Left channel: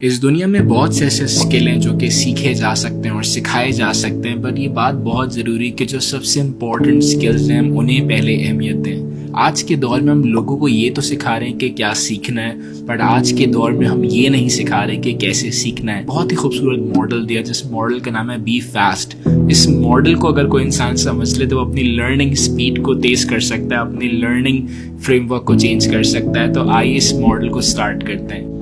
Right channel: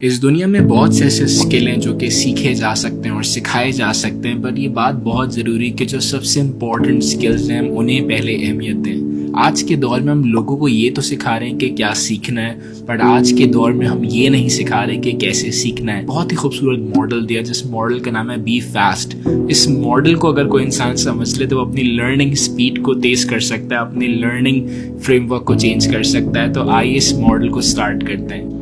इस दुनिया में बहुत से ऐसे स्किल हैं जो कि सीखे जा सकते हैं और सिखाए जा सकते हैं, बट ये बात बहुत ज़रूरी कि जो सबसे इम्पोर्टेंट स्किल्स हैं हम उन्हें पहले अहमियत दें। आज के दौर में हम लोगों को ये तो सिखा रहे हैं कि क्या सीखना है, बट आज के दौर में हम ये नहीं सिखा रहे कि कैसे सीखना है। बहुत ही खूबसूरत मॉडल दिया जिस मॉडल का नाम है बी फास्ट। इस मॉडल को अगर कोई इंसान समझ ले तो वो अपनी लर्निंग स्पीड को तेज कर सकता है, अपनी लर्निंग फ्रेमवर्क को चेंज कर सकता है। तो आइए इस मॉडल को स्टार्ट करते हैं।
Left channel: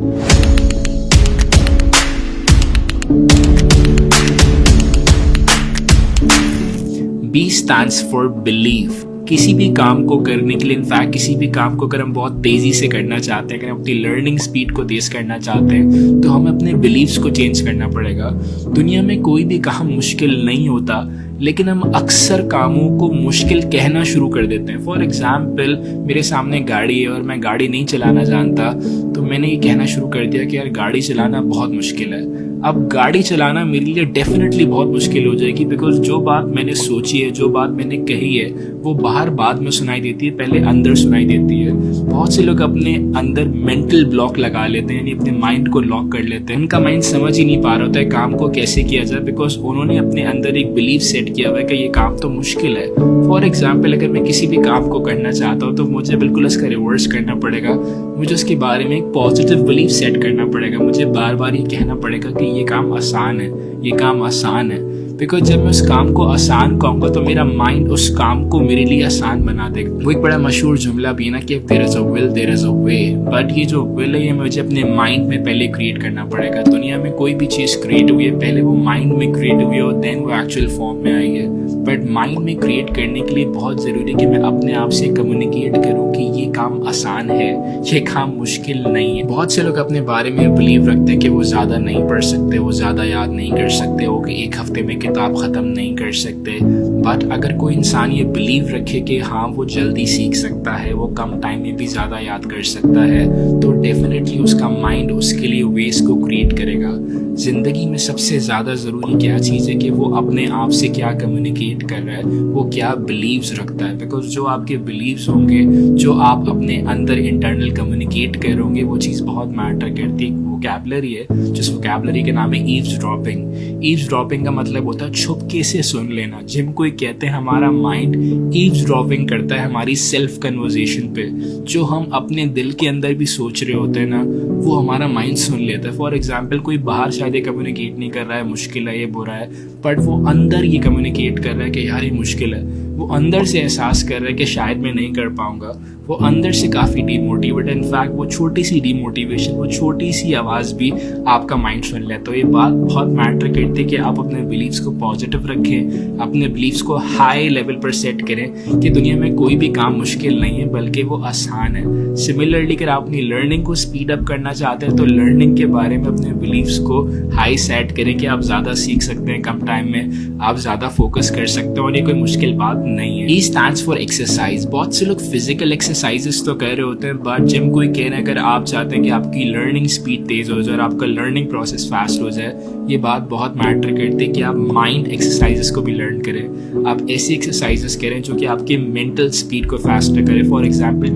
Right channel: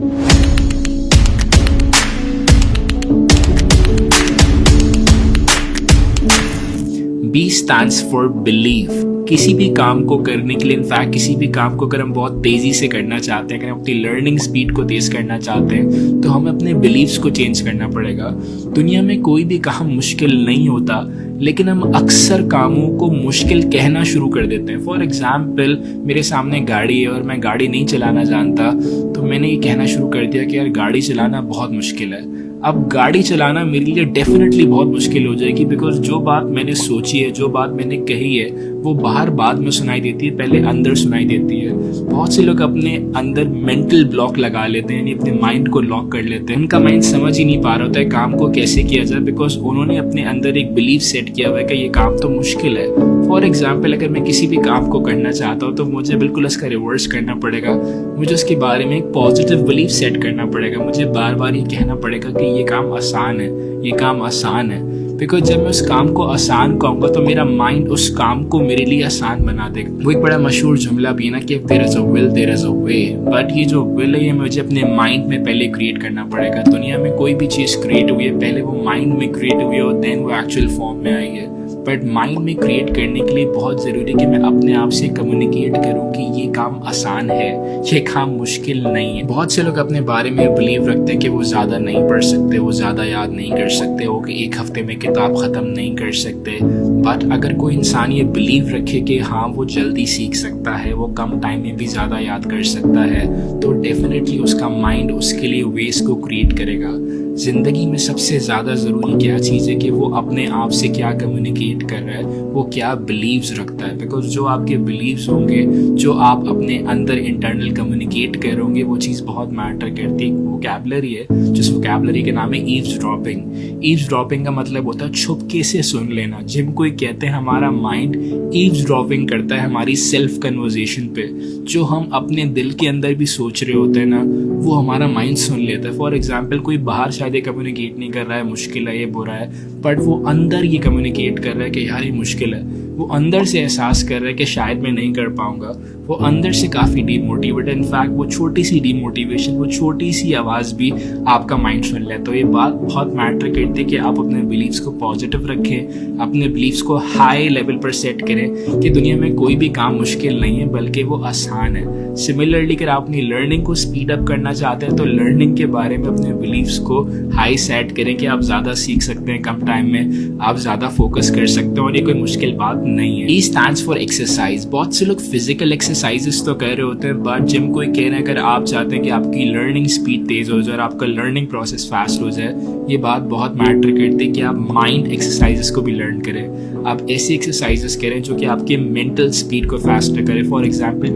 B stands for believe। किसी भी काम को करने के लिए, इनफैक्ट किसी भी काम को अगर हम बहुत तेज़ी से करना चाहते हैं, अगर हम अपनी लर्निंग स्पीड को तेज़ करना चाहते हैं, तो हमें अपने बिलीव्स को चेंज करना पड़ेगा। दुनिया में कोई भी काम मुश्किल नहीं होता, लेकिन हम अक्सर कामों को मुश्किल कहना शुरू कर देते हैं। फॉर एग्जाम्पल, मेरे सामने गाड़ी है और मैं गाड़ी नहीं चलाना जानता, तो मैंने ये कहना शुरू कर दिया कि यार गाड़ी चलाना बहुत मुश्किल है। अब गाड़ी चलाना मेरे लिए डेफिनेटली बहुत मुश्किल हो जाएगी, बिकॉज जो बात मैंने सोची है, जो बात मैंने कही है, वो बाहर बाद में सुनाई देती है, पहले अंदर सुनाई देती है। बहुत से लोग अपने अंदर मेंटल ब्लॉक लगा लेते हैं, यानी अपने माइंड को लॉक कर लेते हैं। उनका माइंड समझ ही नहीं पा रहा होता है काम को कैसे किया जाए, बिकॉज उन्होंने अपने अंदर एक बिलीफ सेट किया हुआ है कि ये काम तो मुश्किल है। फॉर एग्जाम्पल, अगर मैं किसी भी काम को करना चाहता हूँ तो मुझे बिल्कुल उसका रिवर्स करना पड़ेगा। मुझे उसके बारे में एक पॉजिटिव बिलीफ सेट करना पड़ेगा। मुझे बार बार ये कहना पड़ेगा कि ये काम आसान है, ये काम आसान है। बिकॉज जब मैं उस काम को आसान कहूँगा तो मेरा माइंड उस काम को मेरे लिए आसान बना देगा। वो एक बड़ा मशहूर जुमला भी है ना कि there is a will there is a way, but ये जो विल है ये मुझे अपने माइंड में पहले क्रिएट करना पड़ेगा। दुनिया में कोई भी चीज़ क्रिएट हुई है, पहले वो माइंड में क्रिएट हुई है और देन वो एक्चुअल फॉर्म में आई है। बट माइंड में क्रिएट करने के लिए बहुत ज़रूरी है कि मैं अपने आप से कम्युनिकेट करूँ कि ये काम आसान है, ये काम मुश्किल नहीं है। बहुत से लोग अपने बारे में बिलीव रखते हैं कि वो ज़्यादा नहीं पढ़ सकते, वो ज़्यादा याद नहीं कर सकते, वो कि एक हफ्ते में किताब ख़त्म नहीं कर सकते। बट अगर कोई इंसान ये बिलीव रखे कि हाँ वो जल्दी सीख सकता है, वो कम टाइम में भी ज़्यादा याद कर सकता है, तो डेफिनेटली उसका माइंड उसके लिए वेज को क्रिएट करेगा। ज़िंदगी में सबसे ज़्यादा ज़रूरी क्या चीज़ है कि वो अपने आप से क्या कम्युनिकेट कर रहा है, वो क्या बिलीव्स रखता है। बिकॉज जो आपके बिलीव्स होंगे, जो आप अपने अंदर इंटरनल कम्युनिकेट करोगे, वो चीज़ बहुत मैटर करती है। वोकैबुलरी है जिस वोकैबुलरी का नाम है ईव्सड्रॉपिंग। ईव्सड्रॉपिंग का मतलब होता है छुपके से सुन लेना। जिम कोई कहते हैं हमारा माइंड ईव्सड्रॉपिंग करता है हमारी सेल्फ कन्वर्सेशन पे। जो हम अपने दिल के अंदर भी सोच रहे होते हैं ना, वो हमारा माइंड सुन लेता है। फॉर एग्जाम्पल, कोई बाहर शायद ये कम्युनिकेट नहीं कर रहा है मुश्किल है, ये बुरा है, बट वो अंदर ये कम्युनिकेट कर रहा है कि यार ये मुश्किल है। वो अंदर से एहसास कर रहा है कि शायद मैं नहीं कर पाऊंगा। वो अंदर से काफ़ी डीमोटिवेट है। इनफैक्ट वो छोटी सी डीमोटिवेशन, वो छोटी सी आवाज़ भी आपका माइंड सुन लेता है। तो ये बात बहुत मैटर करती है कि आप अपने बिलीव्स को पॉजिटिव रखें, अपने बिलीव्स को हाई लेवल पर सेट करें कि दुनिया में कोई भी काम मुश्किल नहीं है, बल्कि वो आसान है। सिमिलरली अगर आप अपनी लर्निंग को स्पीड अप करना चाहते हैं तो लर्निंग के बारे में अपने बिलीव्स को हाई सेट करें कि आप ज़्यादा सीख सकते हैं कम टाइम में, आप ज़्यादा फोकस कर सकते हैं और ये कोई मुश्किल बात नहीं है। E stands for exercise। बहुत से लोग फिजिकल एक्सरसाइजेस तो कर रहे होते हैं, बट जिम कोई कह रहे हैं अगर आप चाहते हैं कि आपकी लर्निंग स्पीड तेज़ हो जाए और आपका लर्निंग प्रोसेस फास्ट हो जाए, ये बात बहुत मैटर करती है कि आप माइंड एक्सरसाइजेस को भी लर्न करें। आप ऐसी एक्सरसाइजेस करें जो कि आपके मेंटल स्पीड को फास्ट करें। फॉर एग्जाम्पल,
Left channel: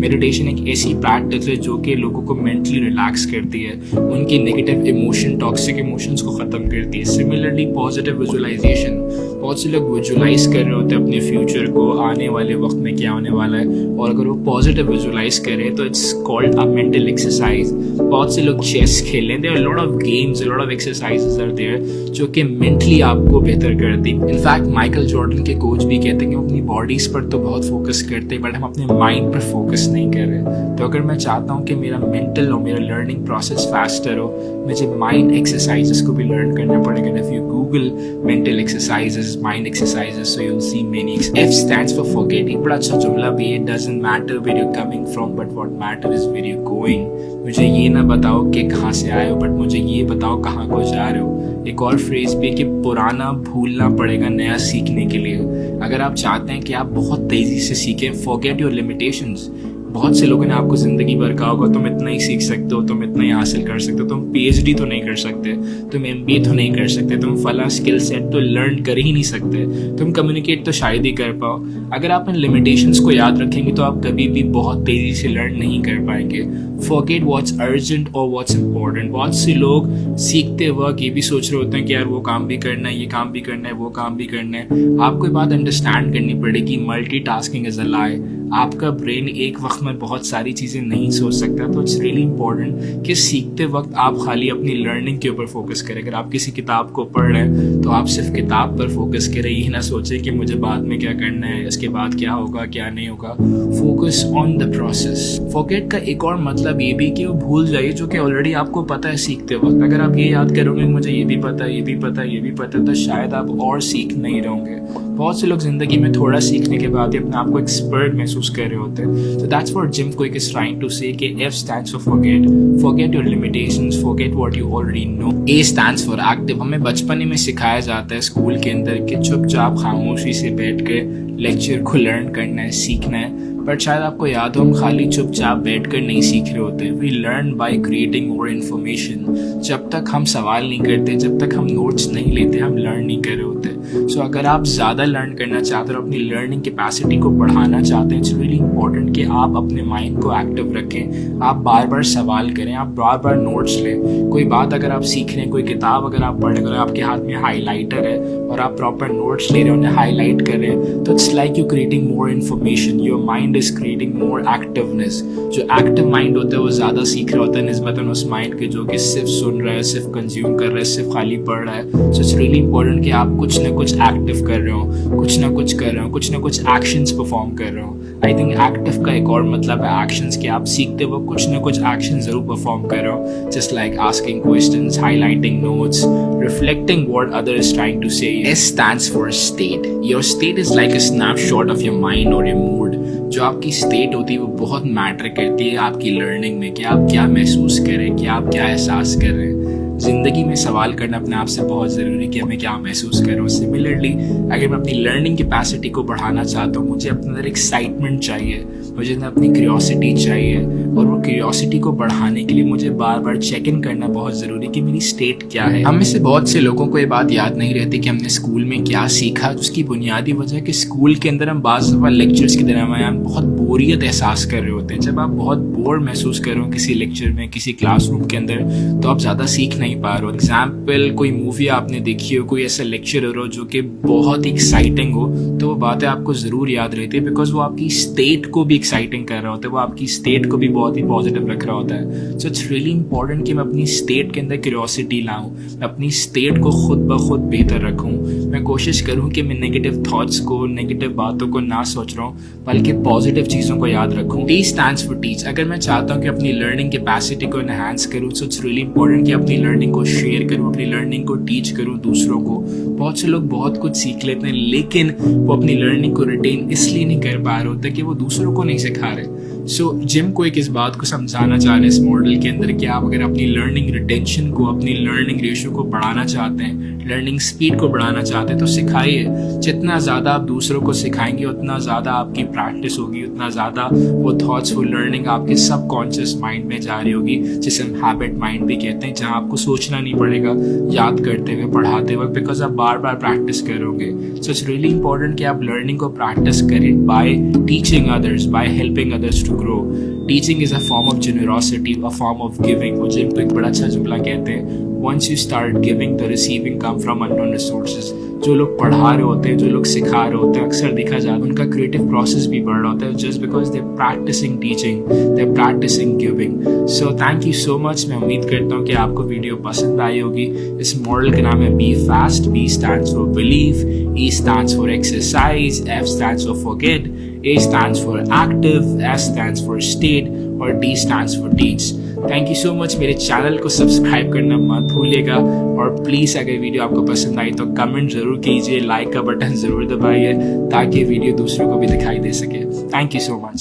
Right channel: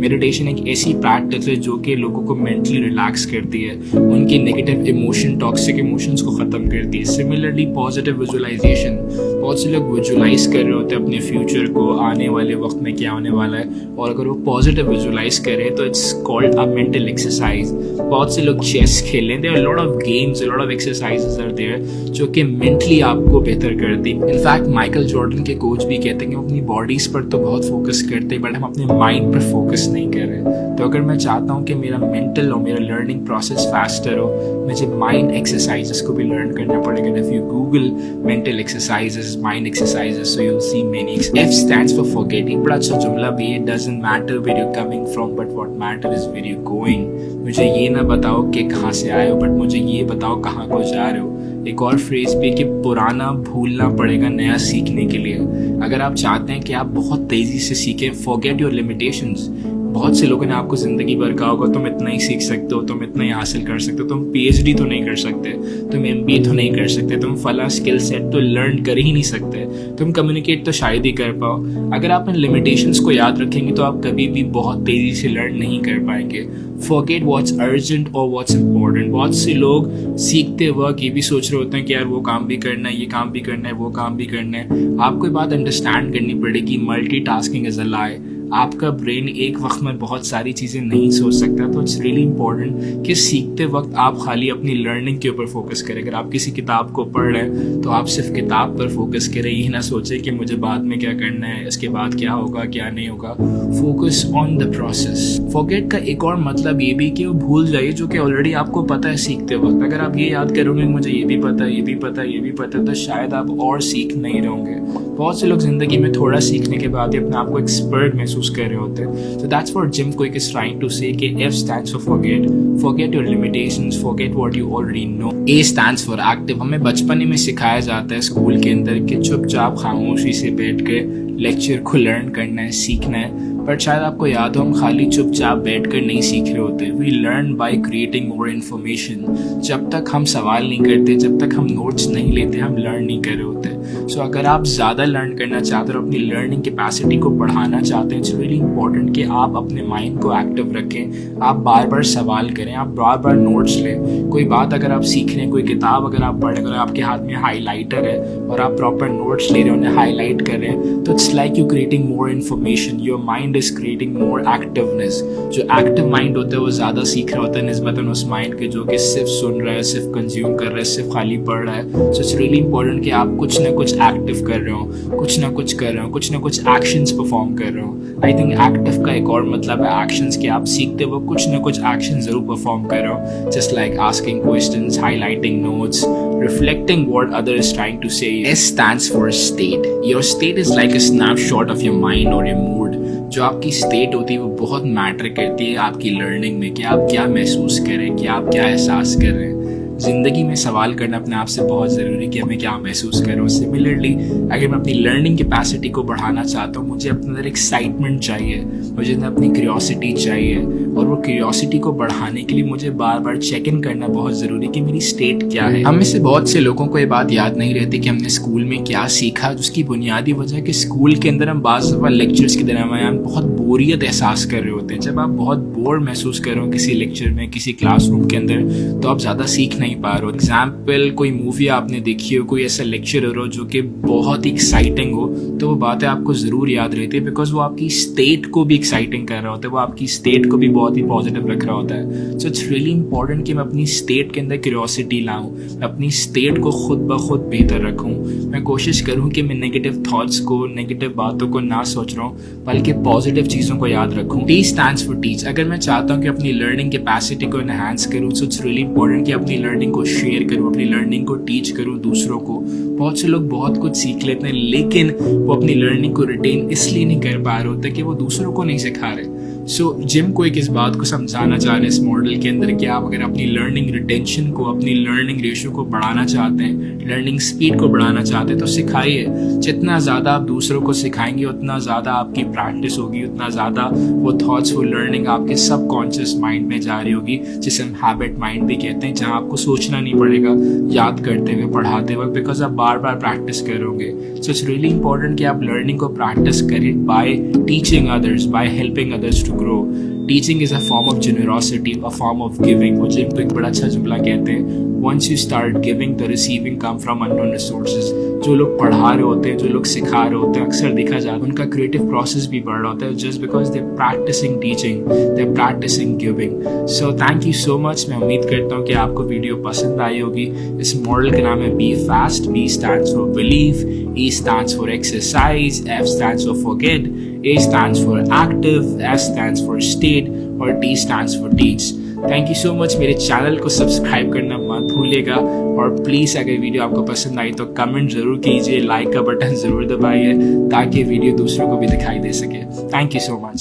मेडिटेशन एक ऐसी प्रैक्टिस है जो कि लोगों को मेंटली रिलैक्स करती है, उनकी नेगेटिव इमोशन, टॉक्सिक इमोशंस को ख़त्म करती है। सिमिलरली पॉजिटिव विजुअलाइजेशन, बहुत से लोग विजुअलाइज कर रहे होते हैं अपने फ्यूचर को, आने वाले वक्त में क्या होने वाला है, और अगर वो पॉजिटिव विजुअलाइज करें तो it's called a mental exercise. बहुत से लोग चेस खेलें, there are lot of games, lot of exercises are there जो कि मेंटली आपको बेहतर करती। इनफैक्ट माइकल जॉर्डन के कोच भी कहते हैं कि हम अपनी बॉडीज पर तो बहुत फोकस करते हैं, बट हम अपने माइंड पर फोकस नहीं कर रहे। तो अगर मैं चाहता हूँ कि मेरा मेंटल और मेरा लर्निंग प्रोसेस फास्टर हो, मुझे माइंड एक्सरसाइजेस को भी लर्न करना पड़ेगा। If you Google mental exercises, mind exercises, so you will see many. F stands for forgetting। बड़ा अच्छा जुमला भी है, doesn't matter where you're coming from but what matter is where you're going। मुझे ये ना बताओ कि कहाँ से आए हो, बट मुझे ये बताओ कहाँ को जा रहे हो। एक और फ्रेज भी है कि पुराना भूलना पड़ेगा नया सीखने के लिए। अगर आप चाहते हैं कि आप बहुत तेज़ी से सीखें, forget your limitations। बहुत से लोगों ने आपको ज़िंदगी भर कहा होगा तुम इतना ही सीख सकते हो, तुम इतना ही हासिल कर सकते हो, तुम PhD तो नहीं कर सकते, तुम MBA तो नहीं कर सकते, तुम फला स्किल सेट तो लर्न कर ही नहीं सकते, तुम कम्युनिकेट तो शायद ही कर पाओ। अगर आप इन लिमिटेशंस को याद रखेंगे तो आप कभी भी बहुत तेज़ी से लर्न नहीं कर पाएंगे। फॉरगेट व्हाट्स अर्जेंट और व्हाट्स इंपॉर्टेंट। बहुत से लोग सीखते वक्त ये भी सोच रहे होते हैं कि यार वो काम भी करना है, ये काम भी करना है, वो काम भी करना है। आपको ये बात अंडरस्टैंड करनी पड़ेगी, मल्टीटास्किंग इज अ लाई। आपका ब्रेन एक वक्त में बहुत सारी चीज़ें नहीं सोच सकता, तो इट्स रियली इंपॉर्टेंट कि सीखते वक्त आप खाली अपनी लर्निंग के ऊपर फोकस करें। अगर आप किसी किताब को पढ़ रहे हैं तो आप सिर्फ किताब पर फोकस करें, ये ना सोचें कि मुझे बाद में क्या करना है, इसके बाद क्या होगा क्या नहीं होगा। Focus on the process. Forget का एक और मतलब ये भी कि वो भूल जाइए जो कि ऑलरेडी आपको पता है सीखते वक्त। अगर आप ये याद करोगे मुझे ये भी पता है, ये भी पता है, ये भी पता है, तो शायद आप और सीख नहीं रहोगे। बहुत से लोग जिंदगी में थोड़ा सीखने के बाद ही अपने आप को एक्सपर्ट महसूस कर रहे होते हैं। So that's what Jim Kwik is trying to say कि F stands for forget. Forget your limitations, forget what you already know. A stands for active. हमें बचपन में सिखाया जाता है स्कूल के अंदर कि चुपचाप खामोशी से बैठ के लेक्चर को लर्न करना है, सीखना है। बट शायद आपको याद हो हम खाली चुपचाप बैठकर नहीं सीख रहे होते। We learn by creating more information. जब तक हम सवाल नहीं करते, जब तक हम नोट्स नहीं लेते, हम लर्न नहीं कर रहे होते। सो अगर आप ज़्यादा लर्न करना चाहते हो, अपनी लर्निंग कैपेसिटी को बढ़ाना चाहते हैं, इट्स रियली इंपॉर्टेंट कि आप अपने माइंड को एक्टिव रखें। आप बार बार सवाल करें, आप बार बार नोट्स लें। कोई बात अगर आप सीख रहे हैं, कोई किताब अगर आप पढ़ रहे हैं, अगर आपके हाथ में हाईलाइटर है और आप प्रॉपर नोट्स ले रहे हैं, उन्हें हाईलाइट कर रहे हैं, तो it's like you creating more information. Your mind is creating more activeness. जो एक्टिव माइंड होता है वो ज़्यादा सीख रहा होता है निस्बतन उस माइंड के जो कि सिर्फ सुन रहा है, सिर्फ कंज्यूम कर रहा है, सिर्फ खाली पढ़ रहा है। सो इट्स रियली इंपॉर्टेंट कि आप कुछ ना कुछ एक्टिव कर रहे हो, कुछ ना कुछ कर रहे हो, कुछ ना कुछ एक्शंस परफॉर्म कर रहे हो। आई थिंक एक्टिव का एक और मतलब है एक्शंस, कि आप सीखते हो कुछ ना कुछ एक्शन जरूर परफॉर्म कर रहे हो। Just like asking questions, highlighting notes, reflecting what other is trying to say. S stands for state. Your state is like a snapshot of your mind or your mood. जो आपकी state होती है वो बहुत matter करती है आपकी learning में, कि आप क्या महसूस कर रहे हैं, कि आप क्या एहसास कर रहे हैं। ज़िंदगी में सवाल करना अपने आप से बहुत ज़रूरी कि मैं क्या महसूस कर रहा हूँ। सिमिलरली अगर मैं अपनी लर्निंग कैपेसिटी को बढ़ाना चाहता हूँ, मुझे अपने अंदर एक्साइटमेंट चाहिए, मुझे अंदर अपनी क्यूरियोसिटी चाहिए, और वो क्यूरियोसिटी को बढ़ाने के लिए मुझे बार बार चेक इन करना बहुत ज़रूरी कि मेरी स्टेट क्या है। हम में से बहुत से लोगों को ये बात याद नहीं रहती कि हमने स्कूल में क्या सीखा। उसकी बुनियादी वजह कि स्कूल के अंदर हम बाज़ दफ़ा लेक्चर्स के दरमियान बहुत बोरियत एहसास कर रहे होते हैं। जब आप बहुत बोर महसूस कर रहे हो किसी लेक्चर में, किसी क्लासरूम के अंदर, तो आप ज़्यादा सीख नहीं पा रहे हो। एग्जाम्पल, कोई मूवी आपने देखी हो, कोई ऐसा लेक्चर हो जो कि बहुत ही एक्साइटिंग हो, तो वो बातें आपको ज़रूर याद रहती है, बिकॉज वो आपकी स्टेट को भी एक्साइटिंग कर रहा होता है, वो आपकी स्टेट को भी बहुत ही पॉजिटिव रख रहा होता है। सो इट्स रियली इंपॉर्टेंट कि मैं अपनी स्टेट के अंदर क्यूरियोसिटी लाऊं, मैं अपनी स्टेट को खुद ब खुद बेहतर रखूं। मैं कोशिश करूं कि मैं नेगेटिव थॉट्स को, नेगेटिव बातों को ना सोच रहा हूं, बल्कि पॉजिटिव चीज़ों को याद रखूं। T stands for teach. अगर मैं चाहता हूं कि अपनी लर्निंग कैपेसिटी को एनहांस करूं, सो इट्स रियली इंपॉर्टेंट कि अपनी लर्निंग को शेयर करूं, अपनी लर्निंग को टीच करूं दूसरों को। बहुत से लोग बहुत कुछ सीख लेते हैं, लेकिन वो अपनी लर्निंग को रिटेन इसलिए नहीं कर पा रहे होते कि वो दूसरों को नहीं सिखा रहे। सो जिम क्विक इस बात को समझाना चाह रहे हैं इस मॉडल के अंदर कि आप अगर अपनी लर्निंग रिटेंशन को, अपनी लर्निंग रेशियो को बढ़ाना चाहते हैं, लर्निंग स्पीड को बढ़ाना चाहते हैं, तो सिखाइए। जितना ज़्यादा आप दूसरों को सिखाएंगे उतना ज़्यादा आपकी प्रैक्टिस होगी, उतना ज़्यादा वो थॉट्स, वो लर्निंग आपके सबकॉन्शियस माइंड में जा रही होगी, जिसे हम हैबिट माइंड भी कहते हैं, जहाँ आपको सोचना नहीं पड़ेगा याद करते हुए, पढ़ाते वक्त, बिकॉज आप बार बार प्रैक्टिस करोगे। सो इट्स रियली इंपॉर्टेंट कि आप लर्निंग को प्रैक्टिस करें by teaching others, by helping others to grow. Teaching is a form of generosity, a form of giving. वो जिम को एक बड़ा अच्छा जुमला कहते हैं, once you start giving, the receiving come from unknown resources. जो लोग पढ़ा रहे होते हैं, जो लोग सिखा रहे होते हैं, अक्सर देखा जाता है उनका क्रिएटिव प्रोसेस भी बढ़ रहा होता है, just because they're practicing teaching, they're practicing giving. So thank you so much. मैं उम्मीद करता हूँ कि आपको वीडियो पसंद आई होगी। इस मॉडल का नाम है Be Fast. B stands for believe, E stands for exercise, F stands for forget, A stands for active, S stands for state, और D stands for teach. Thank you so much. मेरे channel को subscribe करना मत भूलिएगा, और please अगर video आपको पसंद आई तो कमेंट ज़रूर कीजिए, लाइक का बटन ज़रूर दबाइए ताकि वीडियो दूसरों को भी दिखाई दे सके। Thank you so much.